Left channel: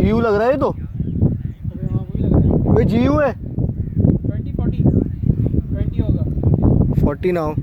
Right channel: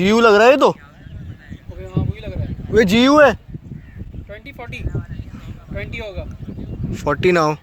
जीयू लग रहा है ये तो। अबे हाँ वही लग रहा है। वे जीयू है। 20 40 20 होगा। 40 नाउ।